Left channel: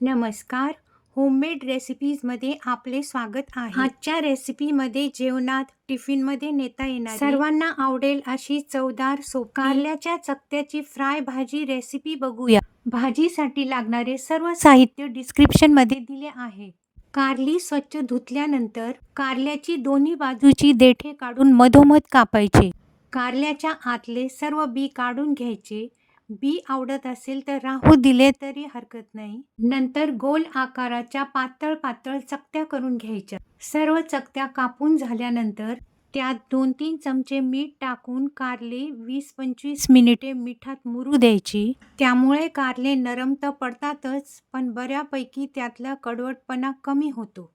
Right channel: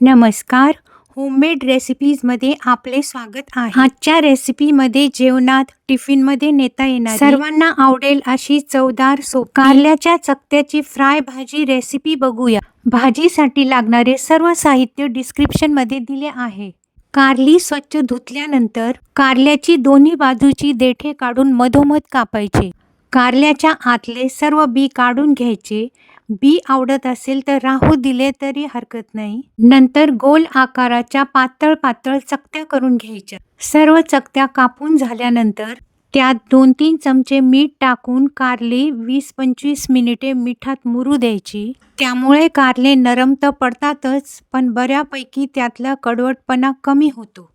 नमस्कार. होममेड रेसिपीजमध्ये आपले स्वागत आहे. आजच्या रेसिपीमध्ये जेवणात टिफिनमध्ये नेता येणार सर्वांना आवडेल अशी चवदार सो कारल्याच्या चकत्याची फ्राय भाजी रेसिपी बघूया. भाजीसाठी लागणारे सर्व साहित्य डिस्क्रिप्शनमध्ये दिले आहे. कारली स्वच्छ धुतल्यानंतर कारल्याची दोन्ही बाजूची देठे काढून मधोमध कापायचे. कारल्याच्या आतले सर्व बी काढून घ्यायचे. बी आवडत असेल तर राहू दिले तरी हरकत नाही. नंतर गोल आकाराच्या पातळ पातळ चकत्या करून घ्यायच्या. सर्व चकत्या कापून झाल्यानंतर त्यात दोन तीन चमचे मीठ टाकून कारले वीस पंचवीस मिनिटे मिठात मुरू द्यायची. त्यामुळे कारले नरम तर पडतातच पण बऱ्यापैकी त्यातला कडवटपणा कमी होतो.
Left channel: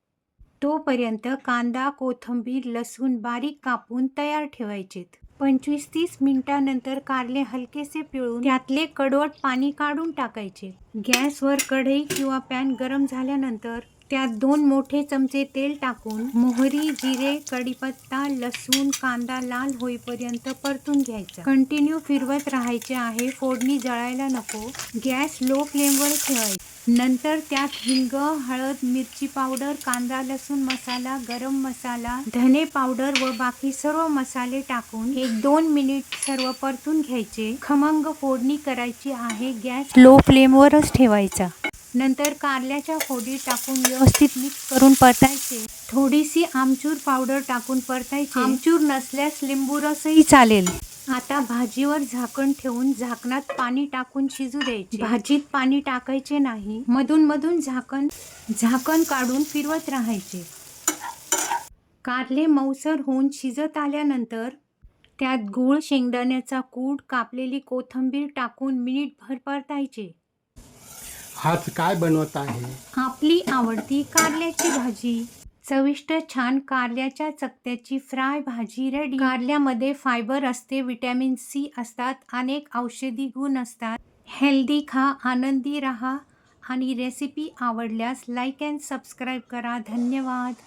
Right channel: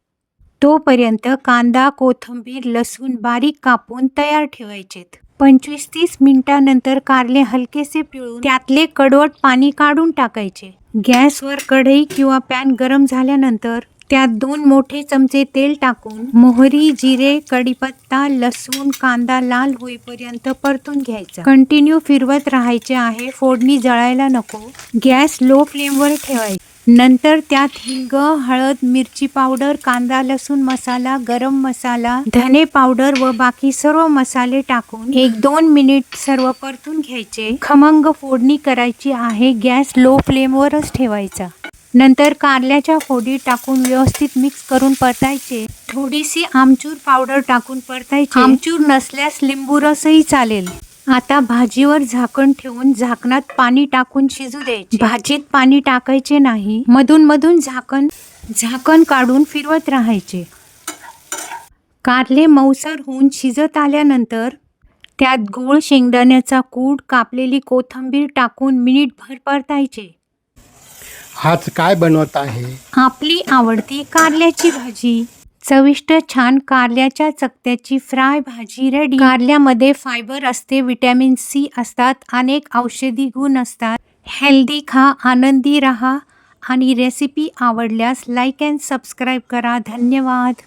तोपर्यंत कांदा कोथिंबीर लसूण बारीक कापून तयार ठेवायचेत. पंचवीस तीस मिनिटानंतर कारले हलकेसे पिळून त्यातले कडवट पाणी काढून टाकायचे. गॅसवर कढई किंवा पॅन गरम झाल्यानंतर त्यात दोन मोठे चमचे तेल टाकून मोहरी जिरे कढीपत्ता लसूण कांदा लाल होईपर्यंत परतून घ्यायचा. कंटिन्यू फिरवत राहायचे आहे फोडणी जळायला नको. गॅस लो फ्लेमवर ठेवायचा. नंतर त्यात हिंग हळद मिरची पावडर कांदा लसूण मसाला गरम मसाला धने पावडर व बाकी सर्व मसाले टाकून एक दोन मिनिट सर्व परतून घ्यायचे. खमंग फोडणी करायची आहे. गॅस लो फ्लेमवरच ठेवायचा. नंतर कारल्याच्या फोडी टाकून व्यवस्थित मिक्स करून परतायचे. थोडीशी आमचूर पावडर टाकून परतायची. आमचूर नसल्यास लिंबू रसही चालेल. आता भाजीवर झाकण ठेवून झाकणात पाणी टाकून शिजू द्यायचे. भाजीत पाणी टाकायचे नाही मधून मधून झाकण झाकण काढून फिरवत राहायचे. कारले मऊसर होऊन शिजत आल्यानंतर त्यात गोळ शेंगदाण्याचा कूड कापलेली कोथिंबीर टाकून मिनिटभर परतायचे. आज काय बनवत आहे? आपली आवडती कारल्याची भाजी. चविष्ट छान कारल्याच्या चकत्याची फ्राय भाजी रेडी कारल्यामध्ये फायबर असते विटॅमिन सी असतात अनेक औषधी गुण असतात. हेल्दी खा आनंदी रहा आणि रेसिपी आवडल्यास लाईक अँड सबस्क्राईब करा. धन्यवाद.